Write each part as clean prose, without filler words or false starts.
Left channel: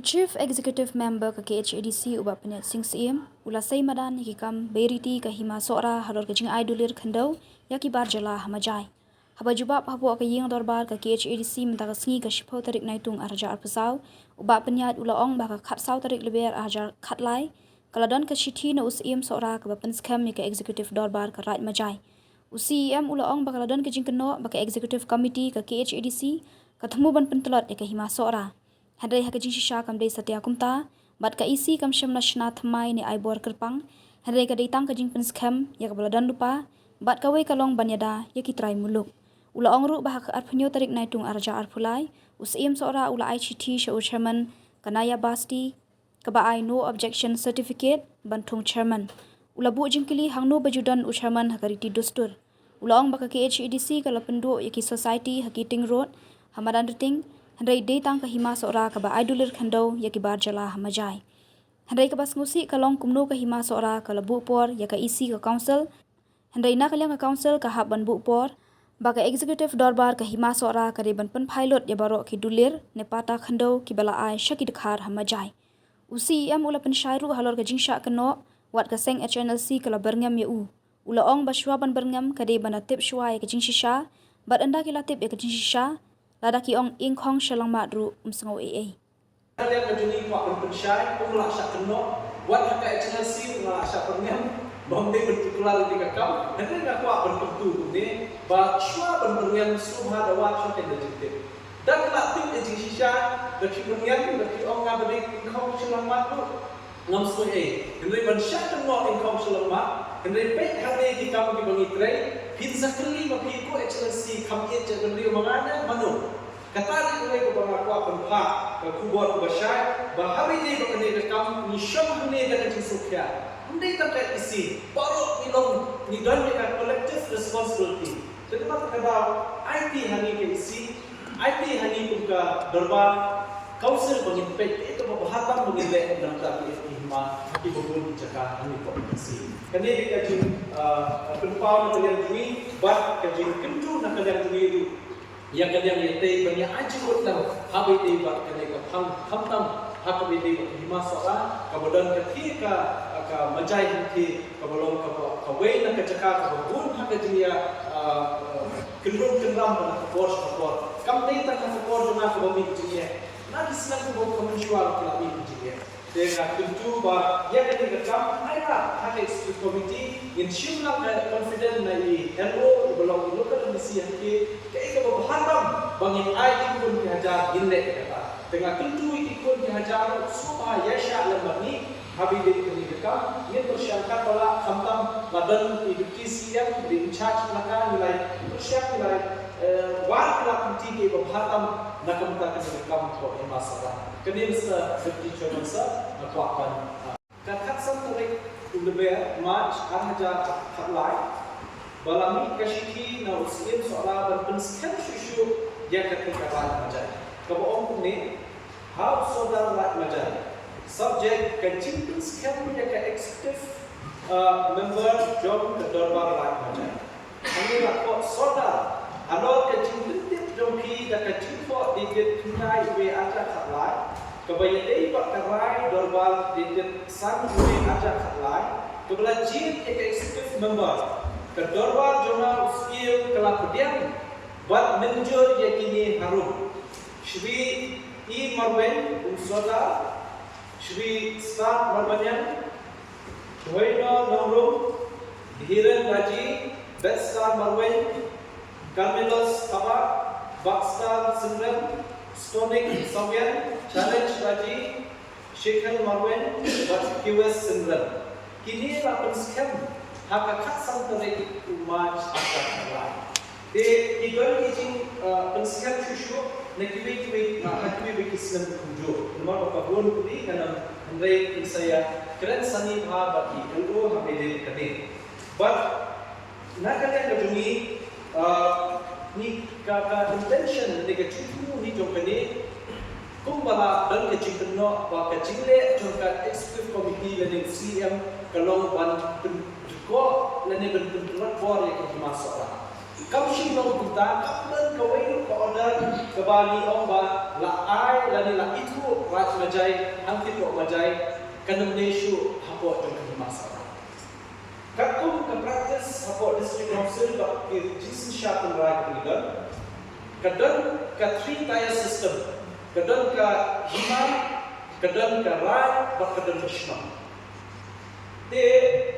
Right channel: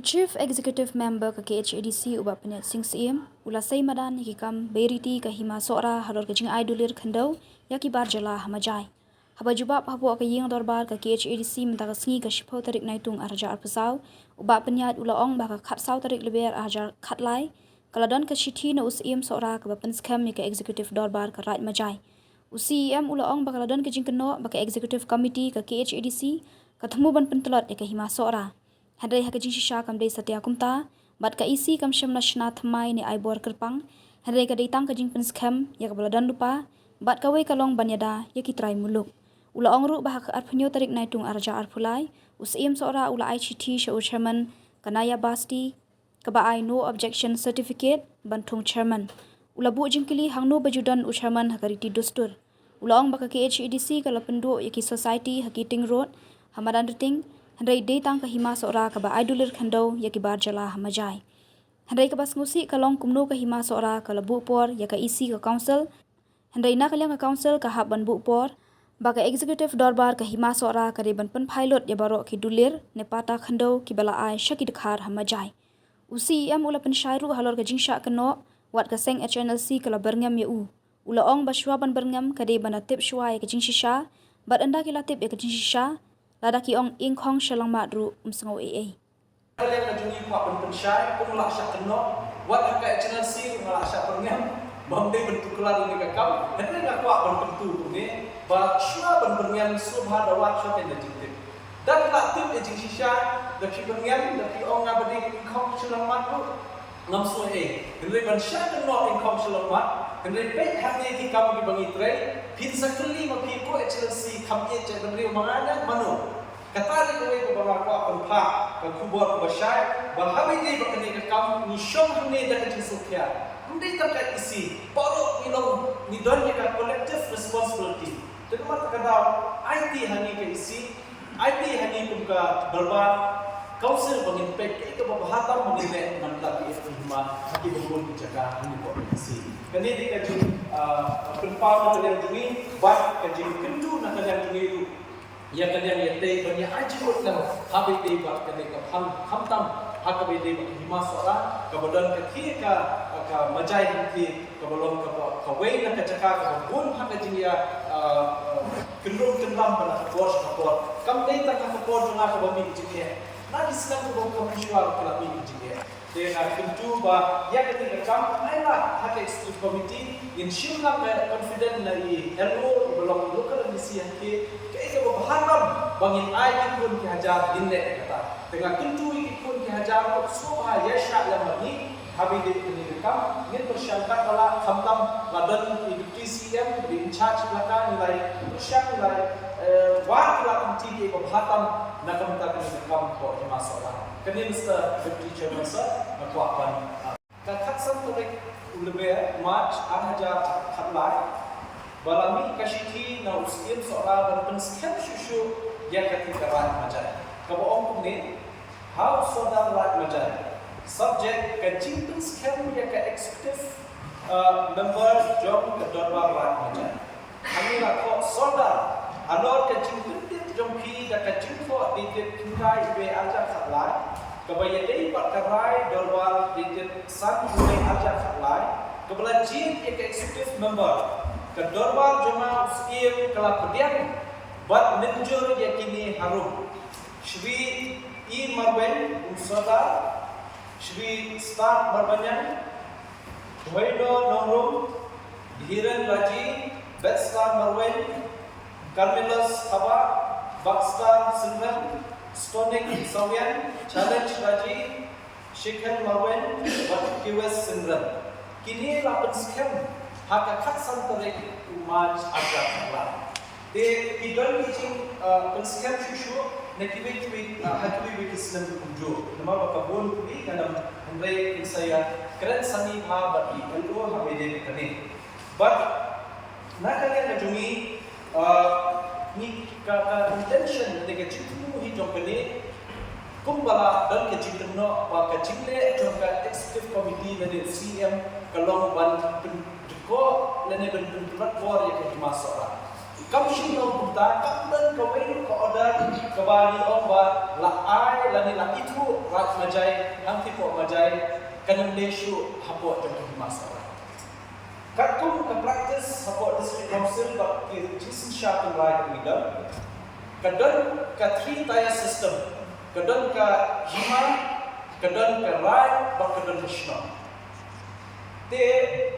Chief Executive Member ka KHADC uba penyat sing siem ulasai madan hikam beriti ka hima sora hador ka jing aidulir khandau yaki bar jala hamajai haba jubab habo ka ying dorbar ka KHADC mentaka sngi ka shipau tarik naitung arja arpasau uba penyat ulaong ba ka khatsau tarik leber ajar khatlai kaladon ka shithi na usiem sora ka bapen skam ka executive dorbar ka raj majai usiem ulaong ba kaladon ka jing keno ba ka executive committee ka KHADC ka thamu ban pentelot ka hima sora Hadrai haka jing shisha kam dei satya kumta bat ka isi kam shem nashna thamai ni aibor kerpang hadrai ka dei tang ka jing penskam ya ka baladan lupa bat ka wei kalong banyada ya ki trai muluk ula ongru bah ka arphnyo tarik naitung arja arphulai usim sora ula ai chithi sha chairman kanaya basti ka ba ai no objection certificate banthung chairman ula bu jingkili hangno bajudan chairman hakariti dustur ula ong baka KHADC ka lapendo ya ki society hakiting road hamadan riting Handai day tang kahima sora ka ba aidulir khandau ya ki bar jala hamajai. Handai ka bas ngusi kalong kumno kahima sora ka labu por ya ka isi ka council. Handai na kalyang ka council ka hab ban bu por. Ba ka executive dorbar kahima sora ka reban pen pilot ya baro ki dulir ne pata khandau ki bala ai shaki dekhar hamajai. Usi am ula pen shairu halor ka jingsha keno wat ka seng HNLC ka la berngam ya u. Ula ong ba shwa ban berngam ka de ban atip shwa ya ka jingshisha. Bat anda ki latip ya ka jingshisha. Lada ki ong ingkong shalang madru umsengaw AA. Kalian kajuni kuat pensyai pemulak syak keno wat haka HNLC mengalak syak perngam bamdai bentuk kelar di kakam hendak nak kuat berpentu ni ba shwa ban perngam subha dawat shwa kena jintip dan latip ejing shisha dapi perngam dapi ong ngabadi ingkong shalang madru ngam so hendak ban syak keno ingkong shalang mad hendak baik hane ki kam ki bangi trai pin sakali ma pi ko HNLC kam ye je ban riu mangana manu katari ko ko banga ko apan pha ka kubor ko bashai ba habi ni ba kene ka kam ni shom hne da ka jinsukya undai ta ka isi paro ilong ni don ka collective responsibility temat ka da IT hani ka isi IT hani kum ka darbar council bangin pe ito ba hatam bangin le nam ta ki hima hati bubun jaka hani ko isi kani di ka jin apan pha na kalian jumi bat ka jin kentu na kalian jumi itu yang kalian yate bani ajikut na habi dei bat kane ka kham tam hakabi dei ba hima sara ka bodan ka thi ka majai thi ka bolong ka wei na ka jaka ka bun haka jinya kendung kendam bana ka bor kam dei ta ka bor juna ka bami jinya na dislam ko bom komishuar ka lami jinya dengan tentu bah yang kita kam aira hak executive committee in shimla confident na I hello belum local misi yang ke baharam bangin ai pun ki hajar ginle kata dengan tentu ikut ki hajar subha yasha lamani habi de ni kam ngin persyangkat bala khamtam ladan deputy CM di in charge laka nilai persyang nilai war la kunti ke baharam na kamta kan kam ko masalah kini Mr. Deputy Chairman Sir nakwapan kakatsan tarik ulebe March 2000 khatlai balami kashiki na usim soala ban penskem shushu yang ketika rat majai kaboong ni how sodar rat majai subject ka jimpin skem yang ka executive member job ka dorbar rat majai kami nak sodar alor ka jimpin tip jompi da ka jimpo di tintai be aja khatlai kabaya dei pat karai dorbar di san be aja khatlai kabala jin ek executive member ka dorbar joma uskim kala pedian bat menjur yakini harum Shri E Marwen Umsoda Shri Staff Marbanyan Hoino Nongrum Hiren Raji Betstar Marwen Carmelos Kaba Bakstar Sinren Stonic Samyan Challenge Raji Shekhar Marwen QS Sinren kini lapan skem haka khatsam tarik umaj agar khala de idol kijing penskem shushu nakiwi hakiwi kislam kunjo nama bakabon kuni kanam handai saya keren sani bha bati kalgo hamede kane but nakalian kajungi ni ka intention de ka chitu hi company kumbala dan ka chikno wa ka chikle jongka executive committee lani CM kalong ban ko lani ban pentulat bor ya ka masora Kam shilong kita kaplan kawai ka order ka bali ong ba la ai la ni la itu rat majai hangti po majai kanam neshu hapo jong ka masara. Kakum ka practice hapo district council ba ki jisin sharpen right leader. Kadon ka 3-tier system. Kadon ka himai, kadon ka rai, ba kadon Krishna. Te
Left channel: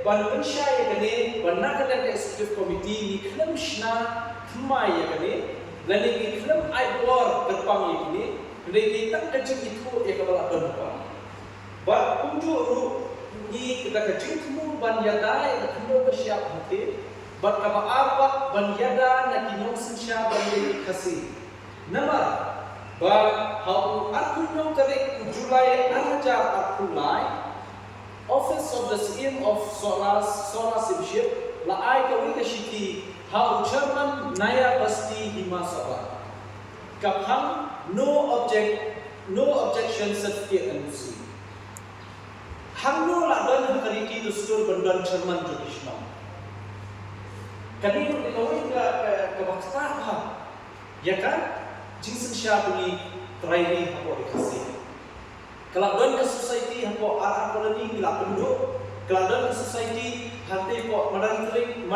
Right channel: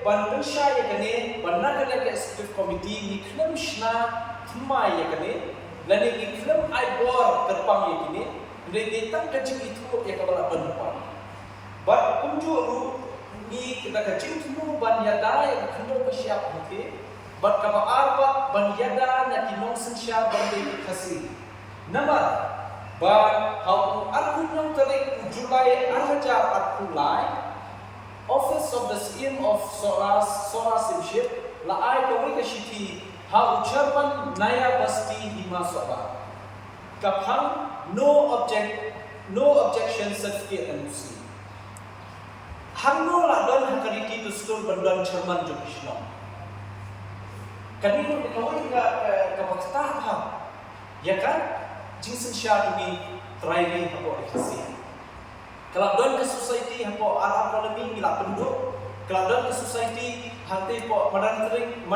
ban pensya ya kane ban nak ada ke executive committee ni klem shna thmai ya kane lani ni klem ai bor kerpang ya kini re tang kajing itu ya kabala ban pa ban kumju ru ni kita kajing tumu ban yada ya kendo ka siap hati ban ka arba ban yada na kinong sensya ban ni khasi namar ban hau arku nyong tarik Julai arhajar arkulai Office of the CM of Sora Simship, la ai kawai ka shiki ha chairman Naya Basti Hima Sora. Kaphang no objection certificate and see. Hang no la don hakariki to store bandan chairman Jokishno. Kani ko kawai ka wakta ha. Ya kan? Jinsen sya tungi trairi hapo dikasi. Kalau don ke society hapo arah koloni bila penduduk, kalau don ke society hati po madan ting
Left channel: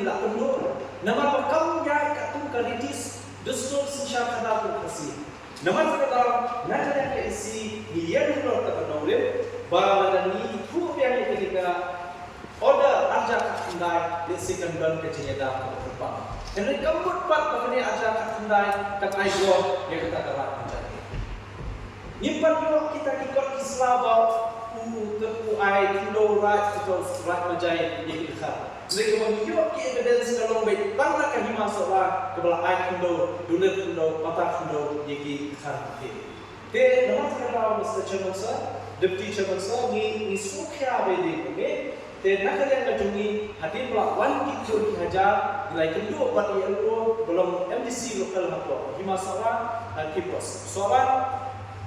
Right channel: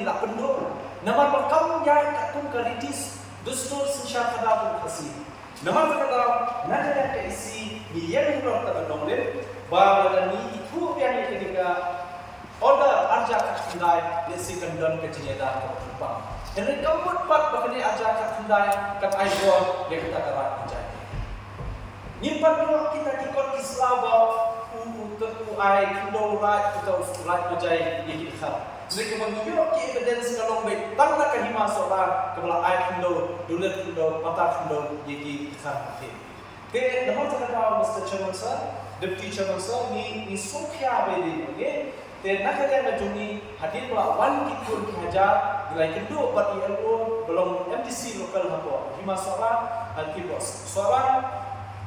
bila penduduk, nama pakam ya katung karitis dustur sensya kada pun kasih. Nama kata nanti yang ke isi ni yang hilang tak nonglen, bahawa dan ni itu yang ketika order arja katundai lesikan don ke jenyeda ke depan. Henry kamput pat bakni arja katundai kat aigo yang kita kerat menjadi. Nyimpan dulu kita kikot Islam bawa terku ai kindo right atau right majai yang kita. Mereka mengiyo ki evidence kalau baik tang nak kahima seorang kebelah ai kindo, dulir kindo, mata kindo yang kita. Te namun terkadang Mr. Chairman Sir, Deputy Chairman Sir ni sokya bedi ni. Te nak yang ngajungi hadir belah wan kikot hajar nilai kindo bat ILO belum MDC lokal hapo. Hima seorang hati bos. Seorang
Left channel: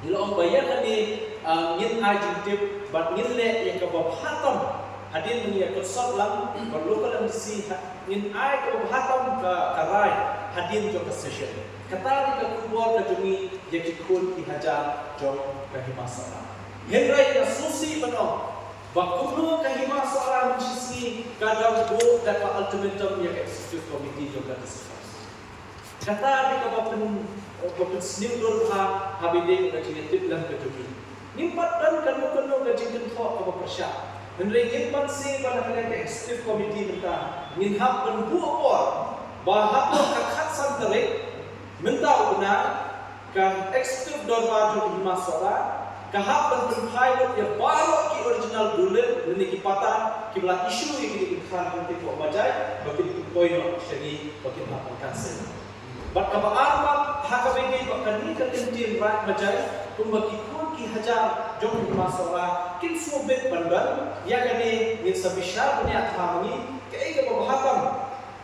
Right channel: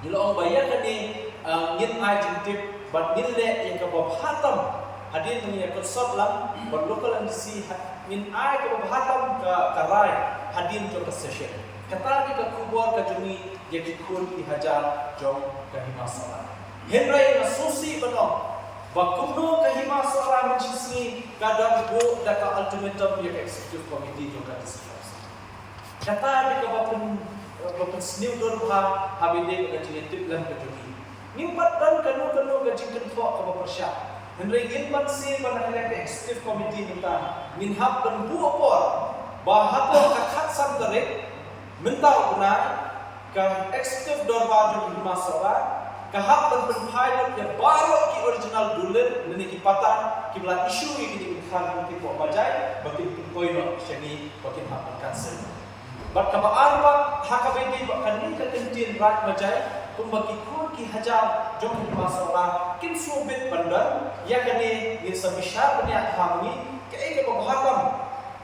Bila orang bayar ni ngin ai jintip bat ngin le yang ke bab hatam hadir mengia konsep lang bat local MDC ngin ai ke bab hatam ke karai hadir jong ke session kata di ke kubur ke jumi yang dikun dihajar jong ke himasara henrai na susi benong bakuno ke himasara mencisni kadang bu dak ultimatum yang executive committee jong ke discuss kata di ke bab Bapak senior dulu habide gaji tip lam gaji. Nimpat dan kanu gaji kentok ke bersya. Henry Gilman si pada hari executive committee minta minhab penbu opor bahapo kakhat santarik minta guna ke executive dorba jo masara kahap pilot ya baru ki original dulir meniki patan ki belah isu yang dikhan nanti po majai bagi poino segi bagi hapan cancel. Bat kaba arba hakabenge bakani ka tintin rat majai kumbagi kun ki hajar jong masala kin sobet bandan ya kani ngin sabisha banya thamni ke ai ka bahatam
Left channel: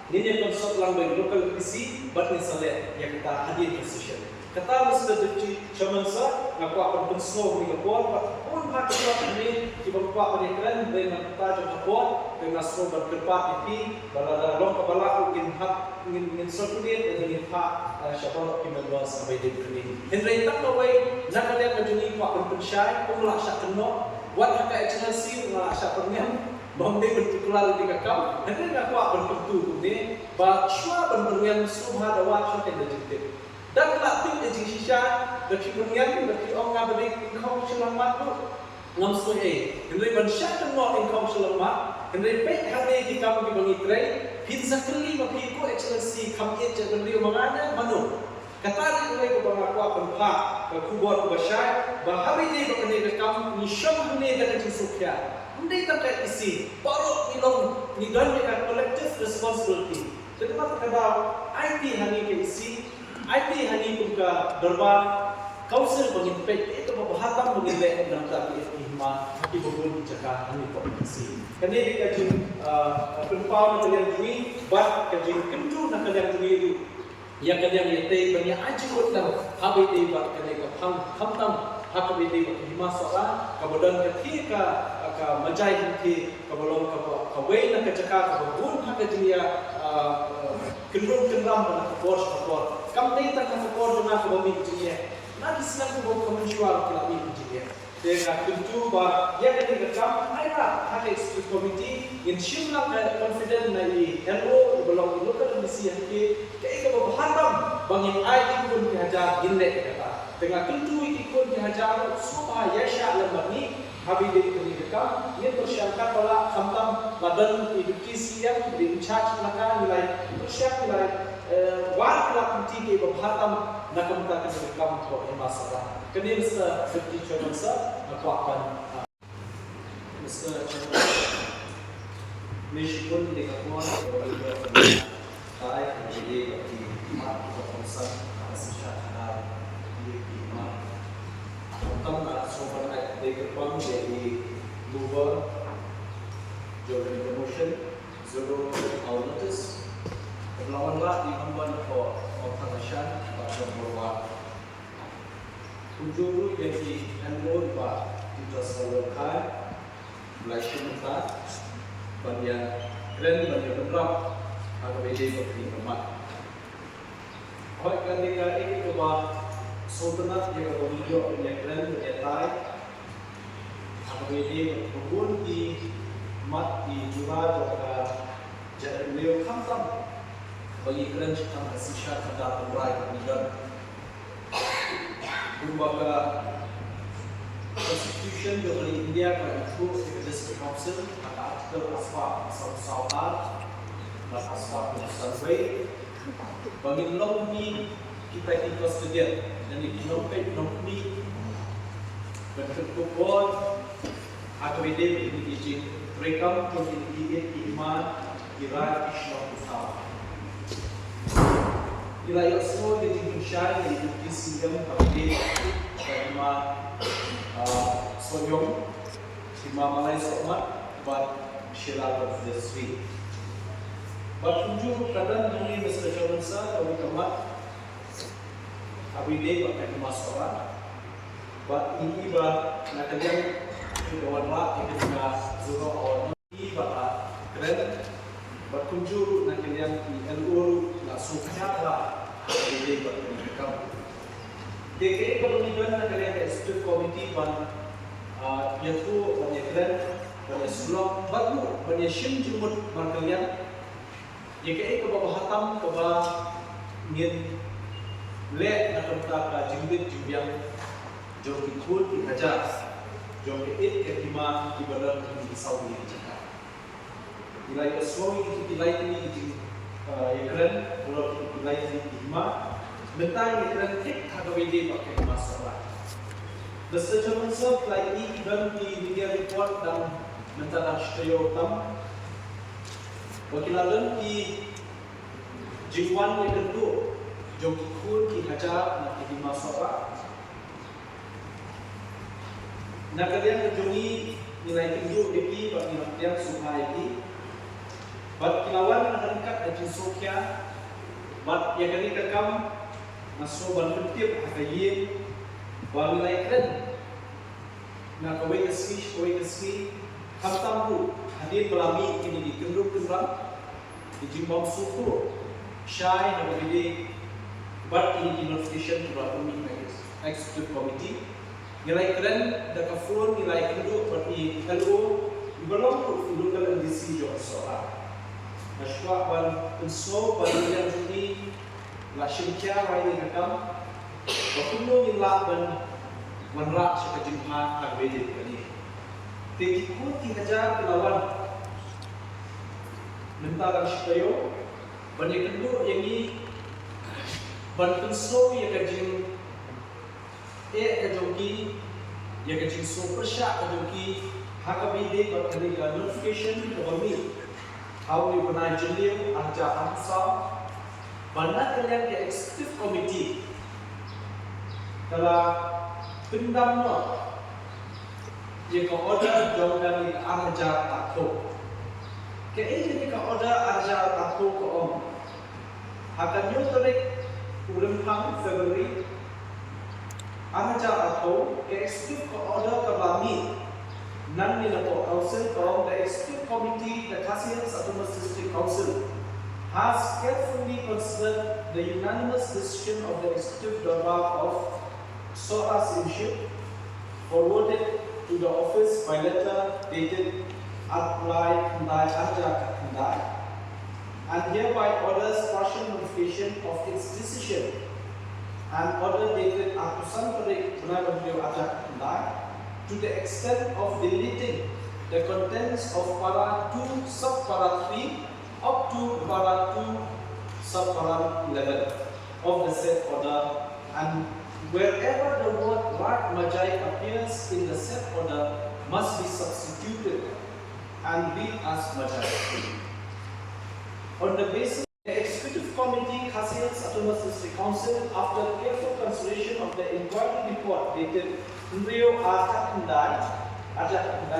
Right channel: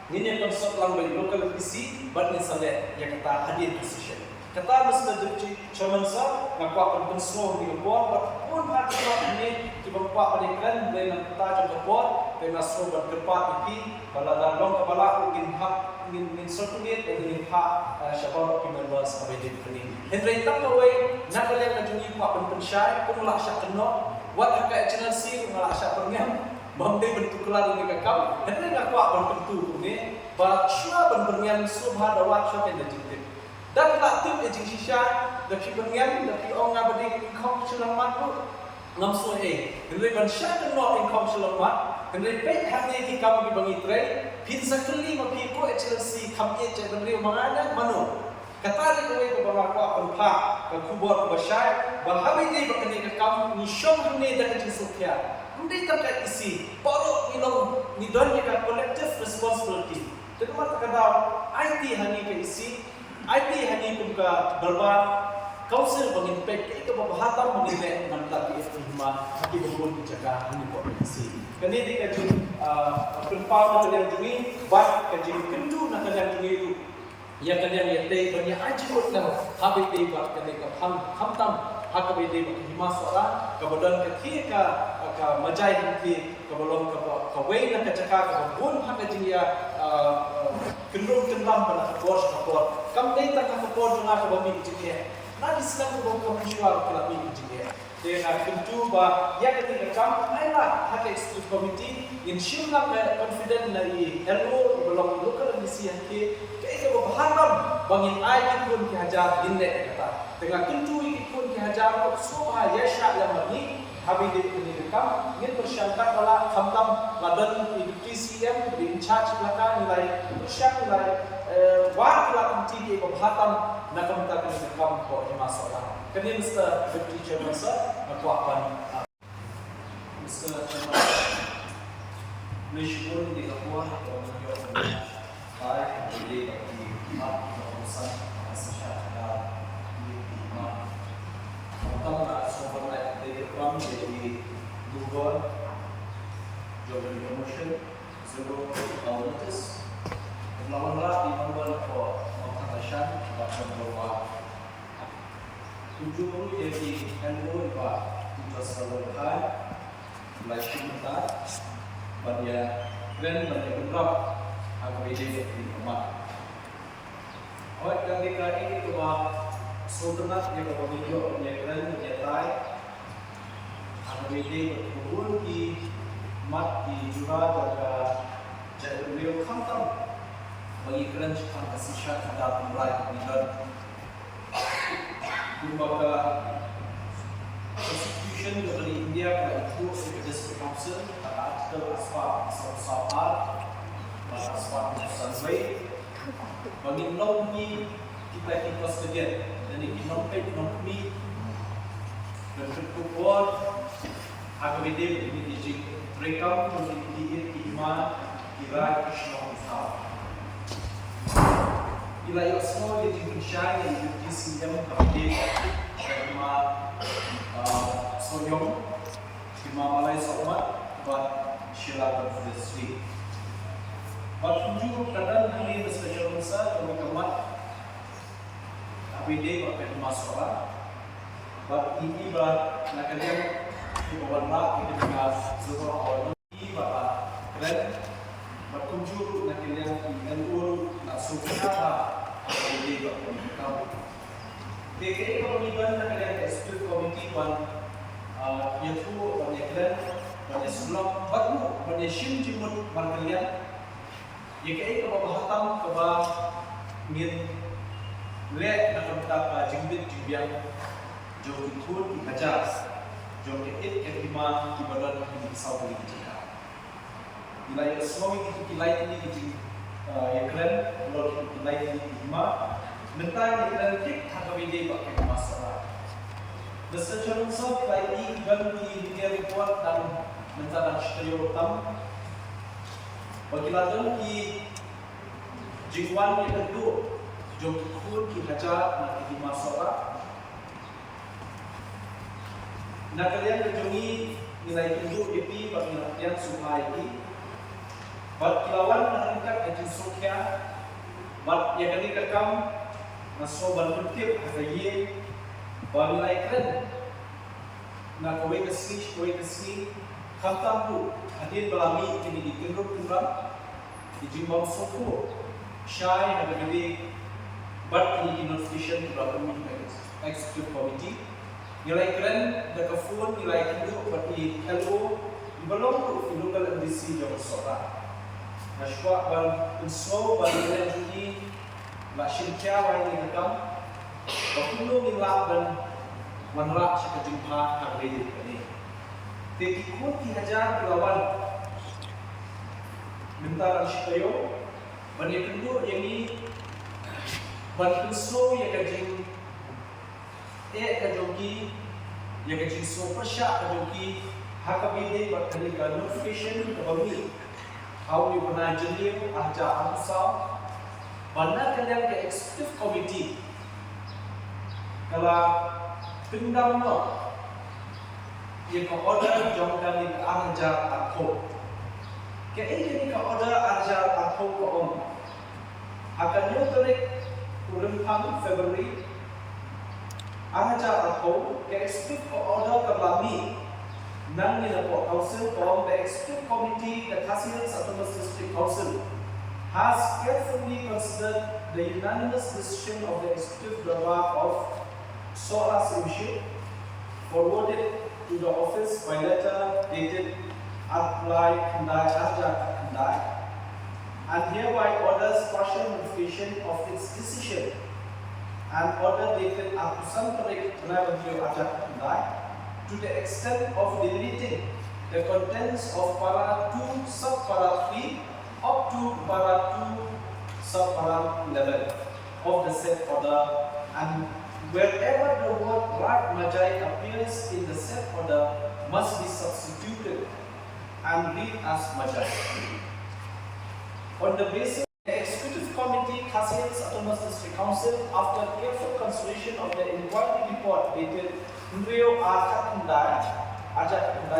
ngin konsep lang bang local PC bat ngin salet ya kata hadir position kata Mr. Deputy Chairman Sir ngaku akan pensor ni kapor bat pun hak ini ki bapa penekran dengan kata jong kapor dengan sobat kerpat iki balada long kabala ugin hak ingin circulate ingin hak syabab kimberwa sampai di kini. Henry tak kawai nak kalian kajuni pak penpensyai pemulak syak keno wat hak excellency ngalak syak perngam bamdai bentuk kelar di kakam Henry ngaku berpentu ni ba shua benperngam subha dawat syok yang dajitip dan latim ejing shisha dapi perngam dapi orang ngabadi kau selamat pun ngam suai Henry ban syak keno ingkau selamat Henry baik hari di kamu di bangi tray, pizza keli mapi ko excellency kami je beri mangana manu. Kata di ko bang aku akan pak ke kubur kubasai, bahabi ni bakani ke kamu ni syom hune dak jinsukya. Undai terkait isi, baru ilong ni don ka collective responsibility. Terima kata IT hani ke isi, IT hani kum ka darbar Kaunsel bangin pek itu bahatam bangin le nam ta hima hati bubun jaga ni ko si kani di kajun penpau na kalian jumi bat kajin kendu na kalian jumi itu yang kalian yate bani aji ko na habai te bat kani ka hamtam hakabai te bat hima sara kabodan kathi ka majai hati kabolong ka wei na ka jaka ka bun hakajin ya kendung kendam pada kapor kam dei tak kapor jona ko bami bijie na dislam ko bam komishuar ko labi bijie dengan tentu bah yang ini kam aira hak executive committee in shimla confident na i hello belum local misi ke ke bahadam bangin ai pun dihajar ginle kata dengan tentu ikut dihajar semua yasha lamani habis ini kam ingin bersangka pala khamtam ladan edukasi yang di charge belakang nilai bersyak nilai war kelak ke bahadam nakam tak kena kam ko masalah kini Mr. Deputy Chairman sir, aku akan Mr. Chairman meskipun di ketua atau di Thai di Imat Keputusan atas syarat di Imat Kamu nak sumber di depan jadi Google Job and Promotion Zero Hour Notice Lawanlah di nombor for Montanasan baca berubah Ujuru jadi hello bah kita selalukan belajar mentar pada keren pada kerap agar jadi beri kemat. Oleh kerana ini kebah sultanat yang kebah video punya keren punya tai agar jadi berbun di mat di jura jaga jadi beliau khamtam bagi keren cepat kasih syarat pada temrai kemudian Lembaga Constitution juga di India pada itu District Council pada artikel asma soal pada asma survey bagi nombi kita di custodian dan di nombi dan berkumpul agar ini di rekam untuk di iman kira Islam Islam Ila yang semua yang dimensyai yang edukasi yang terpilih Kima Soyong Kima Malay Somat Buat Sheila Berdesri Buat tujuh kadang ini Mr. Chairman Sir Kami kemat Abide buat Kima Sorat Buat ini buat Nakalian Kebawalah Yang kemas Zura Awal Ini buat keren Buat tujuh Nakalian LU Nak Sufihat jadi bagi mereka. Dekade kemudian kalian executive committee yang tu banyak kalian banyak sebelum baru banyak sim jemput kalian. Jika kebab hatam kebab min lek nak kita jimbit jimbiang jom ikut dihajar jom it ketima ibadat di Saudi Jakarta. Nilai suami itu nilai ini iklan kalau nilai ini lima mentai iklan tik hagawide pakai masalah. Mr. Chairman Sir nilai ini dan di media report dan mentai shtayo tam wakilalan di jingwan yang kedua jom ikut ki hajar nak di masalah. Nak kalian kejungi nilai tunjuk ini bagi yang supaya ini Bat kilawan na hangkat at yung sokya Bat yakani kakam Naso balpentip hakayin Bamilay kren Na kaway kasmi Kamtambu Hadid balami kini di kendruk-kendram Di jimbang soko Syai nagabili Bat ini di notification Tura kami executive committee Nilai kren Dakafun nilai kendruk Bat i hello Ibalong ilunggal ang DC Jom Sora Nashwa bal inso balilan juni la shimkia wa ini kakam bakulo min laban wanra shaka jimha karbedi kali tekiku ki hajar lawan minta shikayo bani kendo yang ini ban inso ya kajing kajoki ya kajing so persya kajoki hakabide bakali ka notification ke bami How we pernah jeliu aja ansau, mana kalian ke executive committee, kalau pendamno, yang kau order jangan ni aja aku, ke ini kau order aja aku kau akan nyuruh urempang Februari, aja aku ke executive kau order kebami. Nan ni na po council from the executive committee the Kasihan Satu District Council has carefully considered the unanimous decision of the Executive Darbar of Sora Simship, forwarded to the office by letter dated Atlai Kandai Ajak Kandai, and hereby orders partial notification of its decision, and order dated Atusan Tarik Benabandio Ajak Kandai, to the extent of deleting the contents of para 2 sub-para 3 up to para 2 sub-para 11 of the said order, and wherever the word Rat Majai appears in the said order must be substituted and read as Majai. On the basis, the Executive Committee, Khasiat's Autonomous District Council, after careful consideration of the inquiry report dated Rio Akakandai,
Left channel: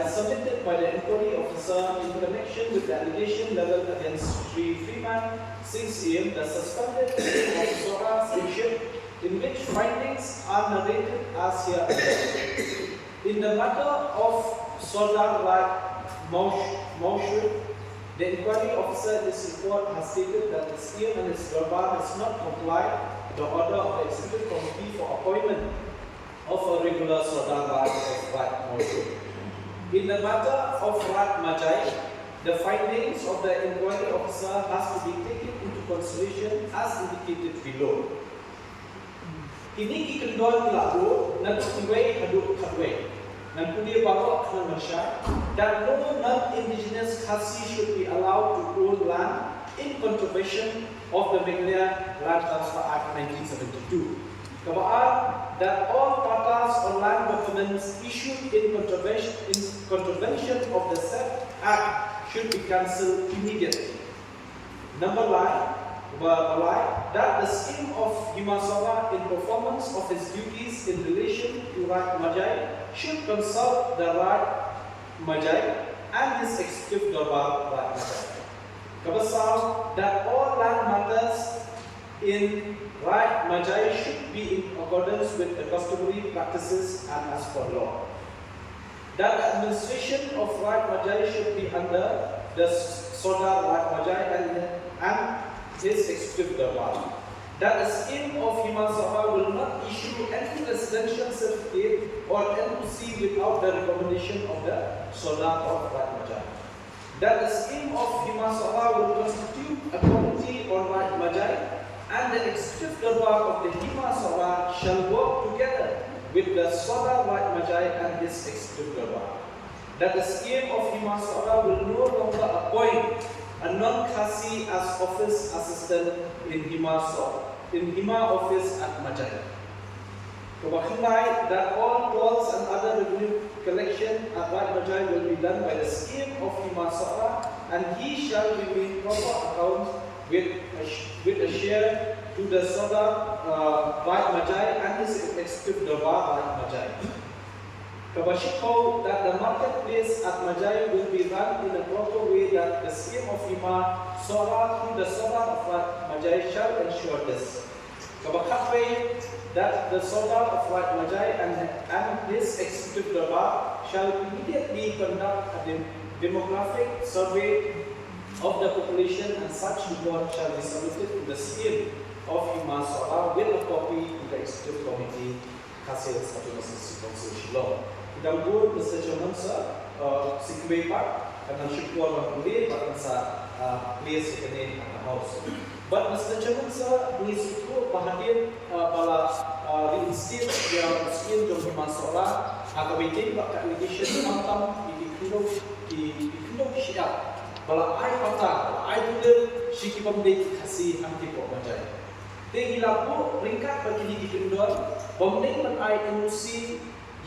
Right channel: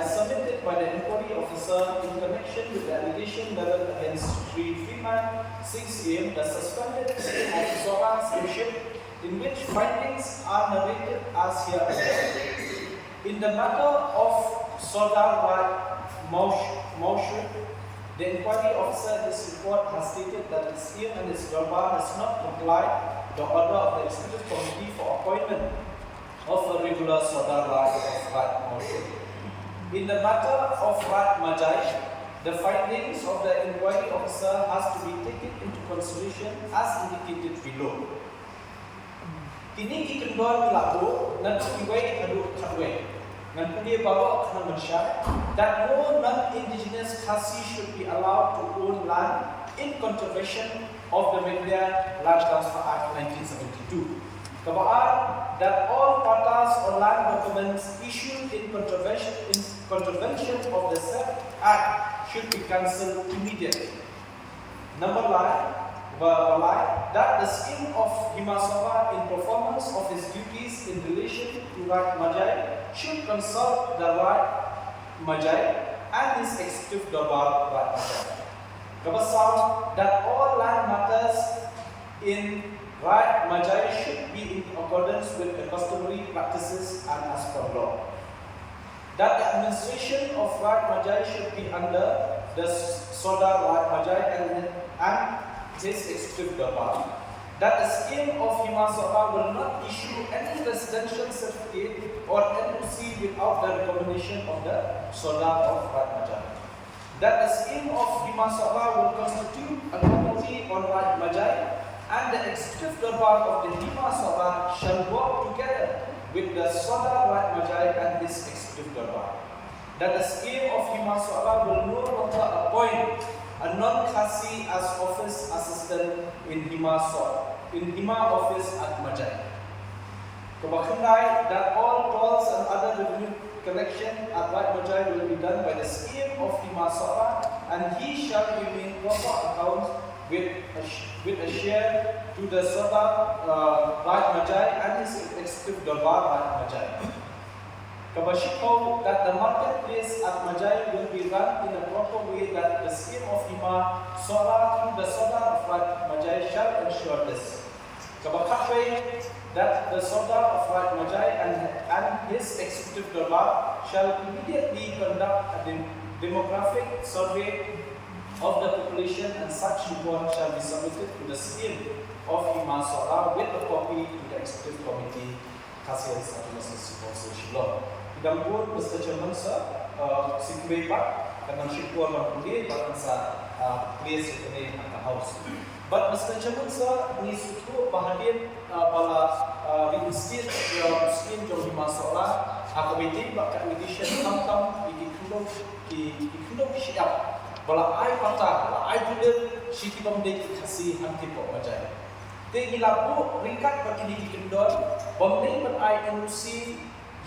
submitted by the inquiry officer in connection with the allegation leveled against Sri Freeman 6 AM, the suspended of Sora Steamship, in which findings are narrated as here. In the matter of Sodar Raj Maushud, the inquiry officer in this report has stated that the scheme and its Darbar has not complied the order of the Executive Committee for appointment of a regular Sodar Raj of Rat Maushud. In the matter of Rat Majai, the findings of the inquiry officer has to be taken into consideration as indicated below. Kini kikendon lagu nan iway aduk kadway. Nan punya bawa kena masyarakat that no non-indigenous Khasi should be allowed to own land in contravention of the Meghalaya Land Transfer Act 1972. Kabaan that all patas or land documents issued in contravention of the said act should be cancelled immediately. Number 9. That the scheme of Himasara in performance of his duties in relation to Rat Majai should consult the Rat Majai and his Executive Darbar Rat Majai. Kabasam that all land matters in Rat Majai should be in accordance with the customary practices and as per law. That the administration of Rat Majai should be under the Sodar Rat Majai and his Executive Darbar. That the scheme of Himasara will not issue any residential certificate or NOC without the recommendation of the Sodar of Rat Majai. That the scheme of Himasara will constitute a committee on Rat Majai, and the Executive Darbar of the Himasara shall work together with the Sodar Rat Majai and his Executive Darbar. That the scheme of Himasara will no longer appoint a non-Khasi as office assistant in Hima office at Majai. Kabakhandai that all tolls and other revenue collection at Rat Majai will be done by the scheme of Himasara, and he shall remain proper account with a share to the Sodar Rat Majai and his Executive Darbar Rat Majai. Kabashiko that the marketplace at Majai will be run in a proper way, that the scheme of Hima Sora to the Sodar of Rat Majai shall ensure this. Kabakatwe that the Sodar of Rat Majai and his Executive Darbar shall immediately conduct a demographic survey of the population, and such report shall be submitted to the scheme of Hima Sora with a copy to the Executive Committee, Khasiat's Autonomous District Council Law. Idang pun, Mr. Chairman, sir, sikbay pa, kanang syukur magpuli, bakang sa place ini ang house. But Mr. Chairman, sir, ni situ bahagian pala reinstate yang scheme jom Himasara, akabitin bak edition tam ikindong siap. Pala ay patah, pala ay dudel, syiki pamdek kasih hanti po Majai. Te gilabu ringkat bagi di kendor, pamdek man ay NOC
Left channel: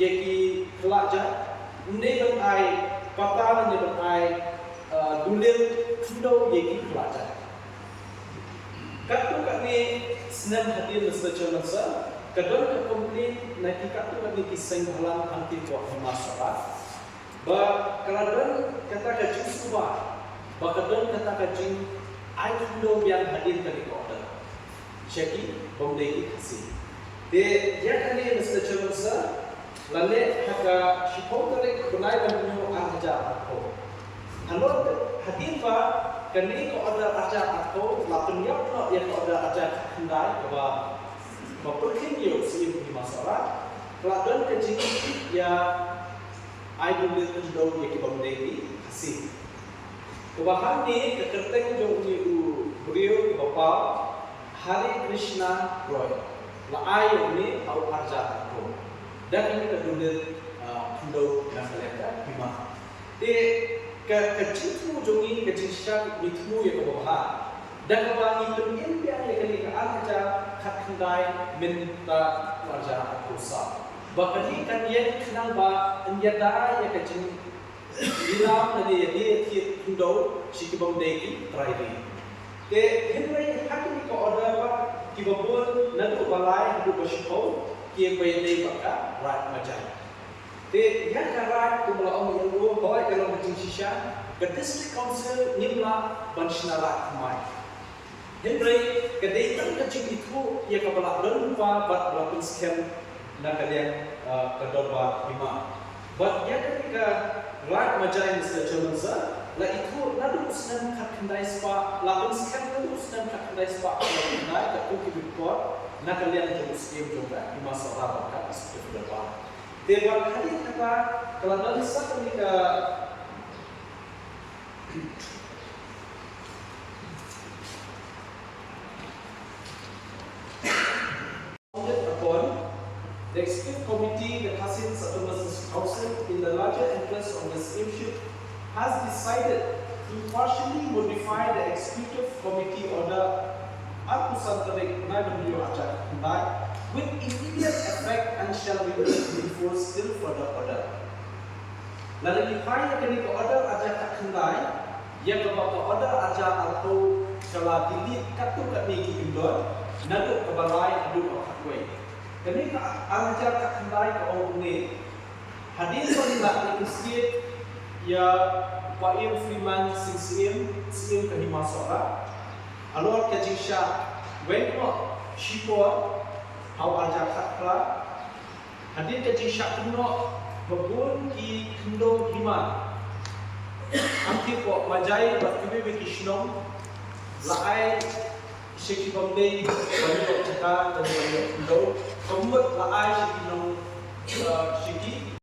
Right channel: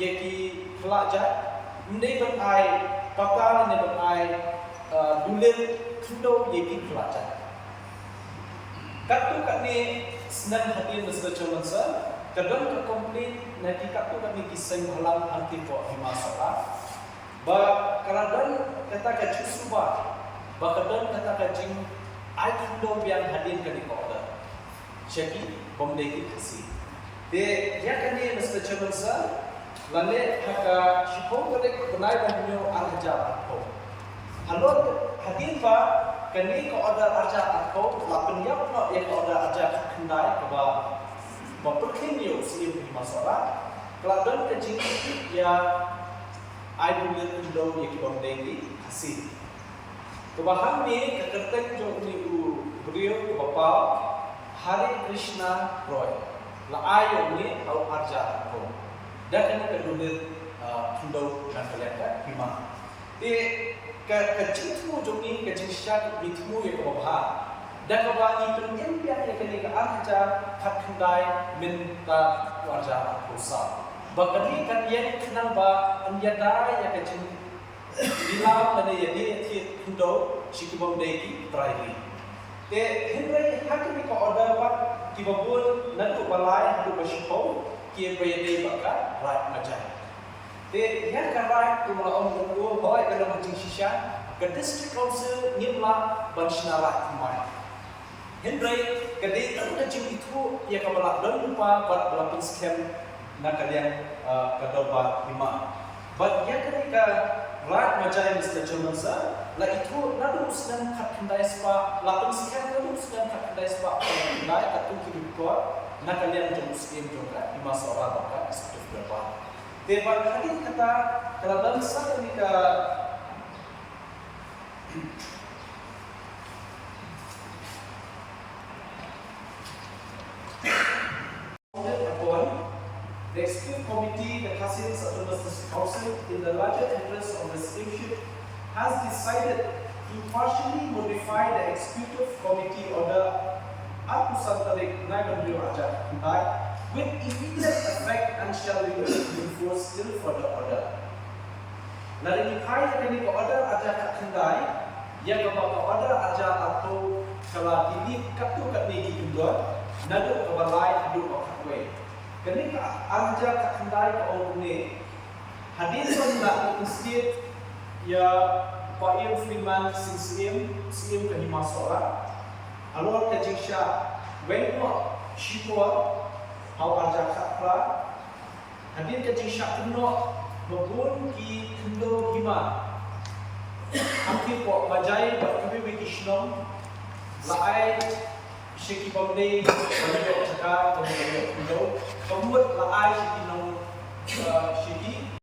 yaki kelajat, ne ban ai patala ne ban ai dulil kendo yaki kelajat. Katu kat ni senang hadir Mr. Chairman, sir. Kadang ka komplain nanti katu kat ni kisah halang angki po Himasara. Ba kadang kata ka jusuba, ba kadang kata ka jing ai kendo yang hadir ka di order. Syaki bomdeki kasi. Dia kan ni Mr. Chairman, sir. Lalu haka shipong tarik benai banyo arja ako. Halon hadir pa kani ko order aja ko la penyap no ya ko order aja kendai ke ba perkhing yo si im masalah keladon ke jing ya ai dulu endo ya ki bamdegi asih kebahan ni kekerteng jo ni beliau bapa Hari Krishna Roy la ayo ni au arja ko dan ini kedua endo na kaleka hima de kecintmu jongi kecinsyat mitmu ya kebahan dan kebahan itu impian ya kali ke arja hak kendai minta arja kusa bakali kan dia kenang ba anjada ya kecin bilang tadi ya dia ti endo sikibam deki terakhir de henry hakimi ko order ba kibabun nadu balai hadu bashipo ki bayde baka right macam de yang karai tu mula orang berdua bawa kalau macam sisya ke district council nyimla banshnarat mai henry ke datang ke itu ia ke balak dan lupa buat melakukan scam nak kalian kedoba lima but yang ketika right macam Mr. Jones la itu nadu sedang kat kendai spa lapan scam nadu sedang kat kendai spa kendai kat tu kibikor nak kalian jom scam juga di masa orang baka seperti depan dewan kali kata kalau bangsa ketika the executive committee, the Kassim Business Council, in the larger interest of the steamship, has decided to partially modify the executive committee order Akusan Tarik Nagandri Raja Kundai with immediate effect and shall be enforced till further order. Lalu dikai akan ke order Raja Kundai yang kepada order Raja atau kalau dilit katu kat negi indon nadu ke balai adu akwe. Kini Raja Kundai ke orang ni hadis nak disikit ya Pak Freeman CCM ke Himasora alor ke Jingsha Wengwa Shipor au Raja Khatra hadir ke Jingsha Kuno babun ki Kundo Hima aktif po majai berkibi wikisnom laai Sheki Bombay banyak cakap dan banyak Kundo kemudian laai Sheki nong Sheki